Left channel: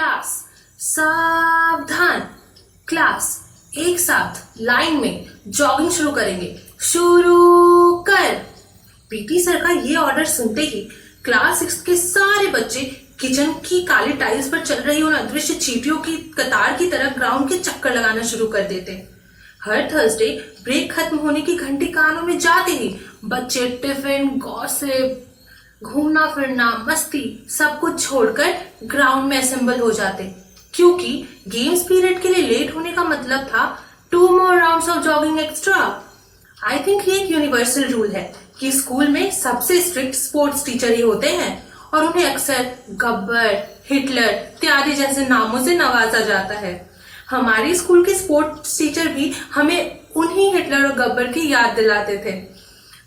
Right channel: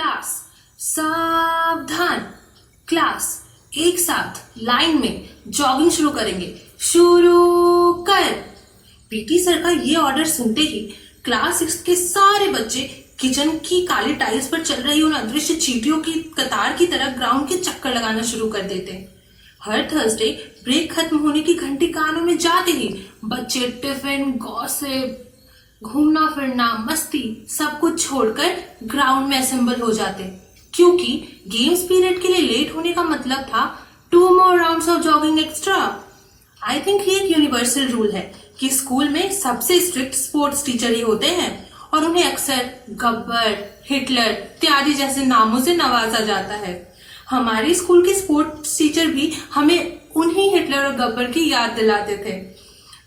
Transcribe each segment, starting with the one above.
Class सावधान। Class एक साथ लाइन में जॉगिंग शुरू करेंगे। शुरू कर। पीटी सर का ये ऑर्डर सुनते ही क्लास 6 के सारे बच्चे किचन की काली टाइल्स पर चल रही उन अदृश्य चींटियों की कतार की तरह ग्राउंड के चक्कर लगाना शुरू कर देते। हर थर्सडे ब्रेक खत्म होने की घंटी कानों में जाते ही बच्चे टिफिन, गॉसिप, घूमना फिरना, मस्ती सब कुछ छोड़कर ग्राउंड में असेंबल हो जाते, क्योंकि गेम्स पीरियड के लिए लेट होने का मतलब था 2 more rounds of jogging extra. I think ये एक यूनिवर्सल रूल है कि स्कूल में सबसे स्ट्रिक्ट स्पोर्ट्स टीचर ही होते हैं और उन्हें अक्सर गब्बर, हिटलर इत्यादि जैसे नामों से नवाजा जाता है। हमारी स्कूल के स्पोर्ट्स टीचर भी हमें उन्हीं हिटलर और गब्बर की याद दिलाते थे।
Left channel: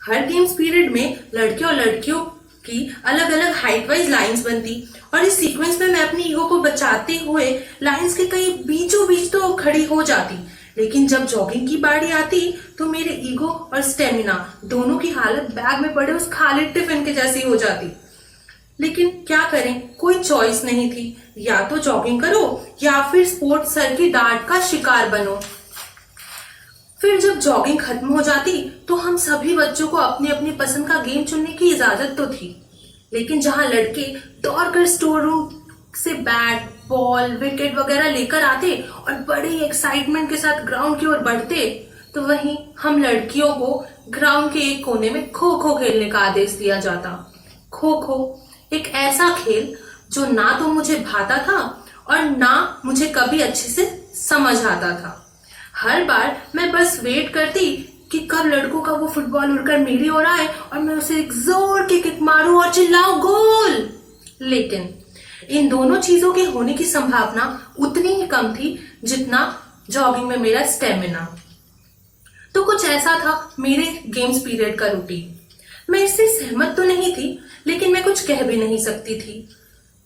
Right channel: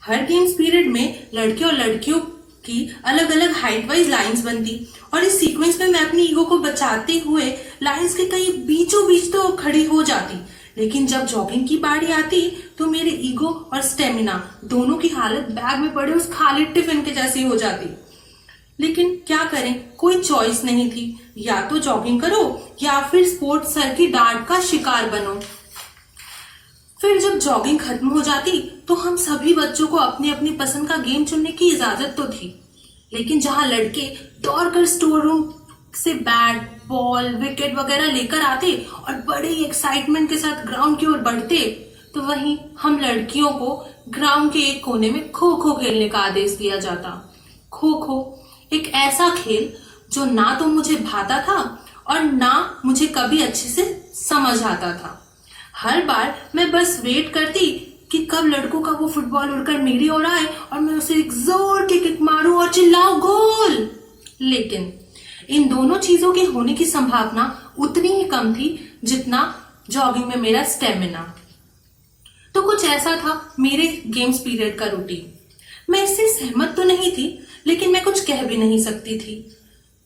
हर गेम्स पीरियड में लड़के और लड़कियों की अलग अलग हाइट वाइज लाइंस बनती और इस सीक्वेंस में मैं अपनी ईगो को बचाते हुए लाइंस के कहीं बीचों बीच तो खड़ी हो जाती, लेकिन जब जॉगिंग की बारी आती तो मेरे ईगो और स्टेमिना दोनों की हालत बैग में पड़े उस खाली टिफिन के जैसी हो जाती। लेकिन क्या करें, कोई चॉइस नहीं थी, या तो जॉगिंग करो या फिर स्पोर्ट्स सर की डांट का शिकार बनो। फिर जब जॉगिंग खत्म हो जाती तो हम सभी बच्चों को अपनी अपनी पसंद का गेम चुनने की इजाजत तो थी, लेकिन जहां लड़के दौड़कर स्टोर रूम से बैट, बॉल, विकेट वगैरह लेकर आते और बड़े एक्साइटमेंट के साथ ग्राउंड की ओर बढ़ते, तो वहीं हम लड़कियों को ग्राउंड के एक कोने में खो खो खेलने का आदेश दिया जाता। खो खो एक ऐसा खेल जो ना तो मुझे भाता था और ना मुझे कभी अच्छे से समझ आता था। हर बार मैं बस वेट करती कि कब लड़कों का वो फुटबॉल उड़कर मेरी ओर आए और मैं उसे एक जोर की किक मारूं और चिल्लाऊं गोल। लेकिन इन दोनों चीजों के होने की संभावना उतनी ही कम थी जितना जॉगिंग में मेरा स्टेमिना। तो कुछ ऐसा था मेरे गेम्स पीरियड का रूटीन। मैं इससे सहमत तो नहीं थी, लेकिन मैं कुछ कह भी नहीं सकती थी,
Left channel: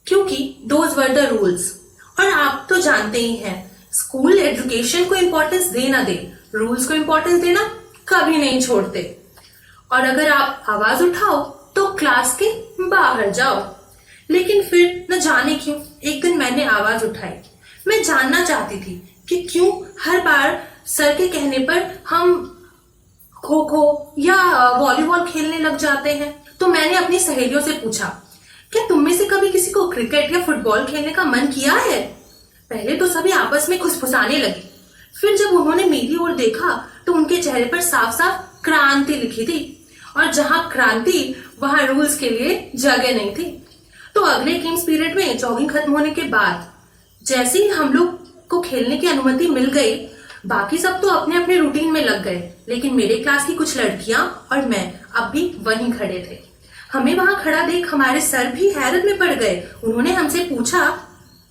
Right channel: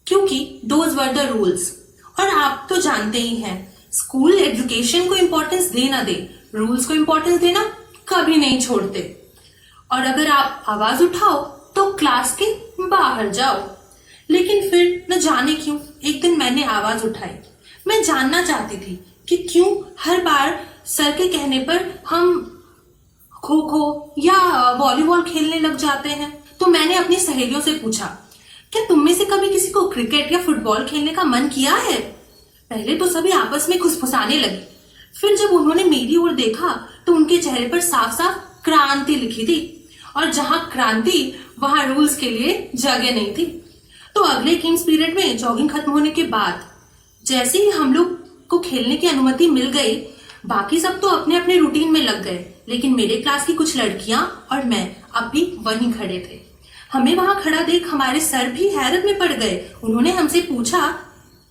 क्योंकि दोज वर द रूल्स। और आप तो जानते ही हैं, स्कूल एजुकेशन को इंपॉर्टेंस दे ना दे, रूल्स को इंपॉर्टेंस देना कभी नहीं छोड़ते। और अगर आप आवाज उठाओ तो क्लास के बाहर जाओ। लेकिन फिर न जाने क्यों एक दिन मैंने आवाज उठाई। मैं जानना चाहती थी कि क्यों हर बार सर के कहने पर हम खो खो या वॉलीबॉल खेलने लग जाते हैं। तो मैंने अपनी सहेलियों से पूछा, क्या तुम में से कभी किसी को क्रिकेट या फुटबॉल खेलने का मन किया है? पहले तो सभी आपस में खुसफुसाने लगे। फिर जब उन्होंने मेरी ओर देखा तो उनके चेहरे पर साफ साफ क्रांति लिखी थी, और जहां क्रांति वहां रूल्स के लिए जगह नहीं थी। तो अगले गेम्स पीरियड में जॉगिंग खत्म होने के बाद जैसे ही हम लोग को खेलने की अनुमति मिल गई, बाकी सब तो अपने अपने रूटीन में लग गए, लेकिन मेरे क्लास की कुछ लड़कियां और मैं अब भी वहीं खड़े थे। हमें वहां खड़ा देख हमारे सर भी हैरत में पड़ गए। उन्होंने हमसे पूछा,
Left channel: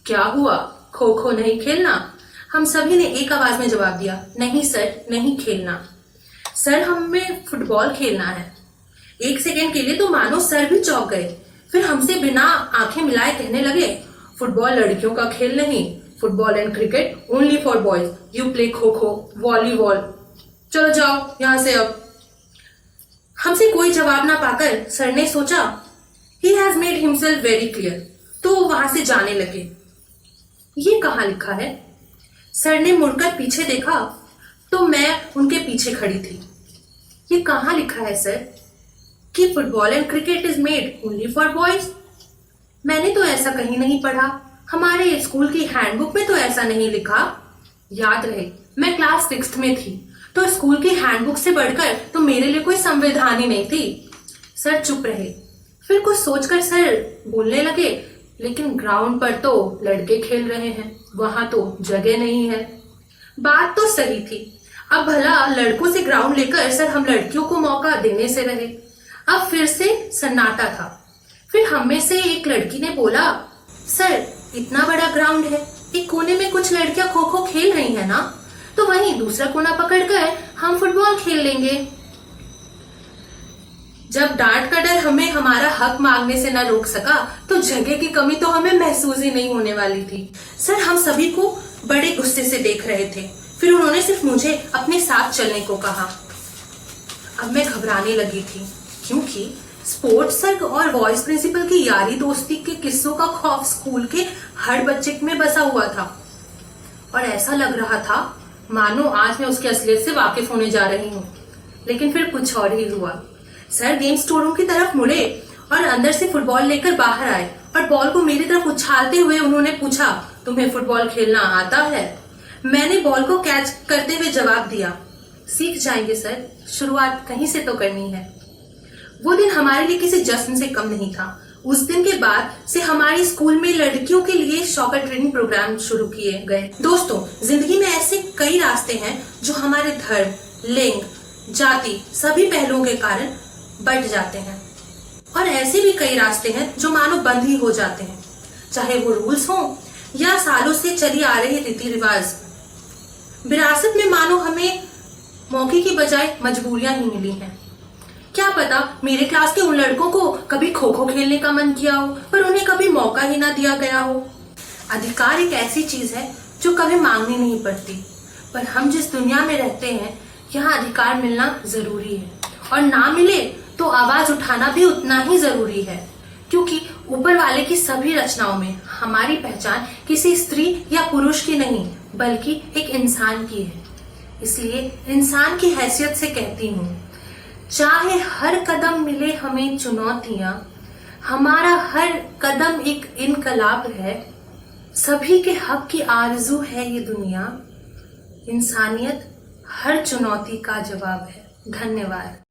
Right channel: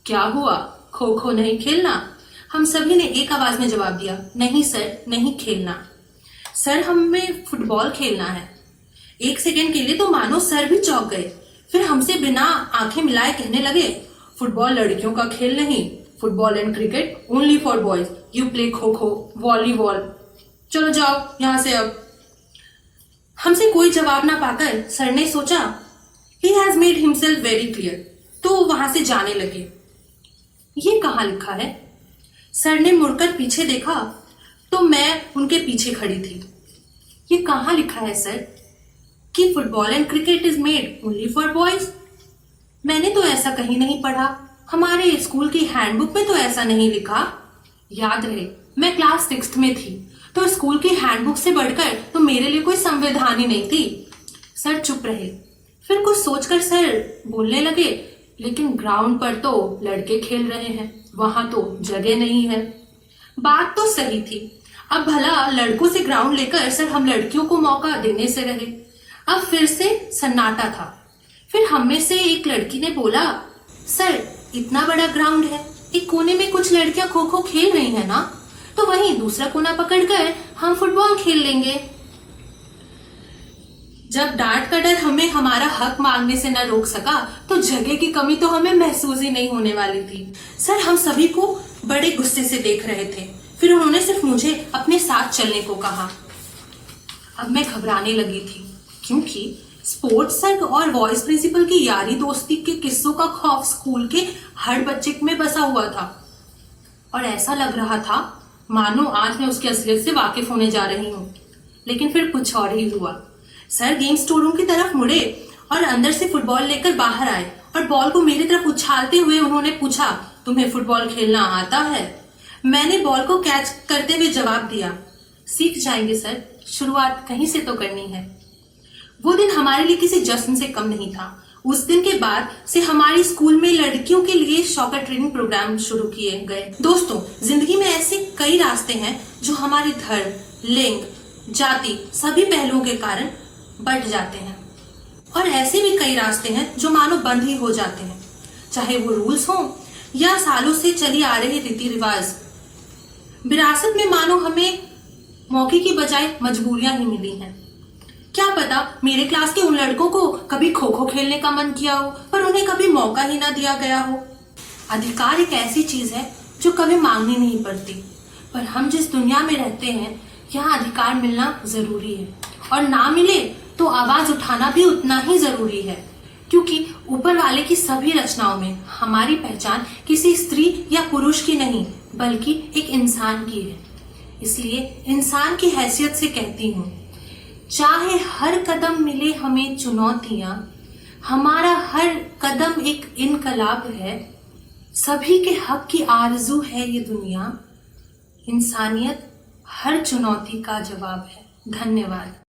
क्या हुआ, खो खो नहीं खेलना? हम सभी ने एक आवाज में जवाब दिया, नहीं सर, नहीं खेलना। सर, हमें फुटबॉल खेलना है। एक सेकेंड के लिए तो मानो सर भी चौंक गए। फिर हमसे बिना आंखें मिलाए कहने लगे, फुटबॉल लड़कियों का खेल नहीं, football and cricket only for boys. You play kho kho, volleyball, चलो जाओ यहां से अब। हमसे कोई जवाब ना पाकर सर ने सोचा, he has made himself very clear, तो वहां से जाने लगे। ये कहाँ लिखा है? सर ने मुड़कर पीछे देखा तो मैं उनके पीछे खड़ी थी। ये कहाँ लिखा है सर कि football and cricket is made only for boys? मैंने तो ऐसा कहीं नहीं पढ़ा, हमारे स्कूल की हैंडबुक में तो ऐसा नहीं लिखा। याद रहे, मैं क्लास 6 में थी, तो स्कूल की हैंडबुक से बढ़कर तो मेरे लिए कोई संविधान ही नहीं थी। सर चुप रहे। फिर कुछ सोचकर सर बोलने लगे, लेकिन ग्राउंड पर तो लड़के खेल रहे हैं, वहां तो जगह नहीं है। बात तो सही थी। अब भला लड़कों से ग्राउंड लेकर सर हम लड़कियों को मौका देने से रहे। अब फिर से सन्नाटा था। फिर हम में से एक लड़की ने बोला, सर इतना बड़ा ग्राउंड है, एक कोने में कुछ लड़कियां खो खो खेल रही हैं ना, तो वहीं दूसरा कोना पकड़कर हम फुटबॉल खेल लेंगे। जब डांट का डर हमें हमारा हक मांगने से न रोक सका, तो जगह की कमी तो हमें महसूस ही नहीं होने वाली थी। सर हम सभी को बड़े गुस्से से देख रहे थे। फिर उन्होंने सिर्फ मुझे अपने साथ चलने को कहा। अब मैं घबराने लगी थी, क्योंकि स्पोर्ट्स सर और वॉइस प्रिंसिपल की यारी दोस्ती के हिस्सों का खौफ स्कूल के हर बच्चे में बसा हुआ था और ऐसा लग रहा था मानो आज मैं उसकी असलियत से वाकिफ होने जा रही हूँ। लेकिन फिर कुछ और ही हुआ। सर गेम स्टोर रूम की तरफ मुड़े और अंदर से फुटबॉल लेकर बाहर आए और बॉल को मेरी तरफ उछालते हुए उन्होंने पूछा, तुम्हें फुटबॉल खेलना आता है? मैंने बॉल को कैच करते हुए जवाब दिया, सीख जाएंगे सर, शुरुआत कहीं से तो करनी है। वो दिन हमारे लिए किसी जश्न से कम नहीं था। उस दिन के बाद से हमारी स्कूल में लड़कियों के लिए सॉकर ट्रेनिंग प्रोग्राम शुरू किए गए। दोस्तों, जिंदगी में ऐसे कई रास्ते हैं जो हमारे धर्म, लिंग, जाति सभी पहलुओं के कारण बंट जाते हैं और ऐसे भी कई रास्ते हैं जो मानो बंद ही हो जाते हैं, चाहे वो रूल्स हों या सालों से चली आ रही रीति रिवाज। विरासत में मानो हमें मौके की बजाय मजबूरियां ही मिली हैं। क्या पता मेरे क्लास के उन लड़कों को कभी खो खो खेलने का मन किया हो पर उन्हें कभी मौका ही ना दिया गया हो। अधिकार एक ऐसी चीज है जो कभी मांगनी नहीं पड़ती, पर हम जिस दुनिया में रहते हैं यहाँ अधिकार मिलना जरूरी है और ना मिले तो आवाज उठाना भी उतना ही जरूरी है, क्योंकि ऊपर वाले की सभी रचनाओं में हमारी पहचान किसी स्त्री या पुरुष की नहीं बल्कि एक इंसान की है। इसलिए इंसान की हैसियत से कहती हूँ, चाहे हर कदम मिले हमें चुनौतियां, हमारा हर कदम एक इनकलाब है, सभी के हक की आरजू है ये दुनिया, इंसानियत हर चुनौती का जवाब है। धन्यवाद।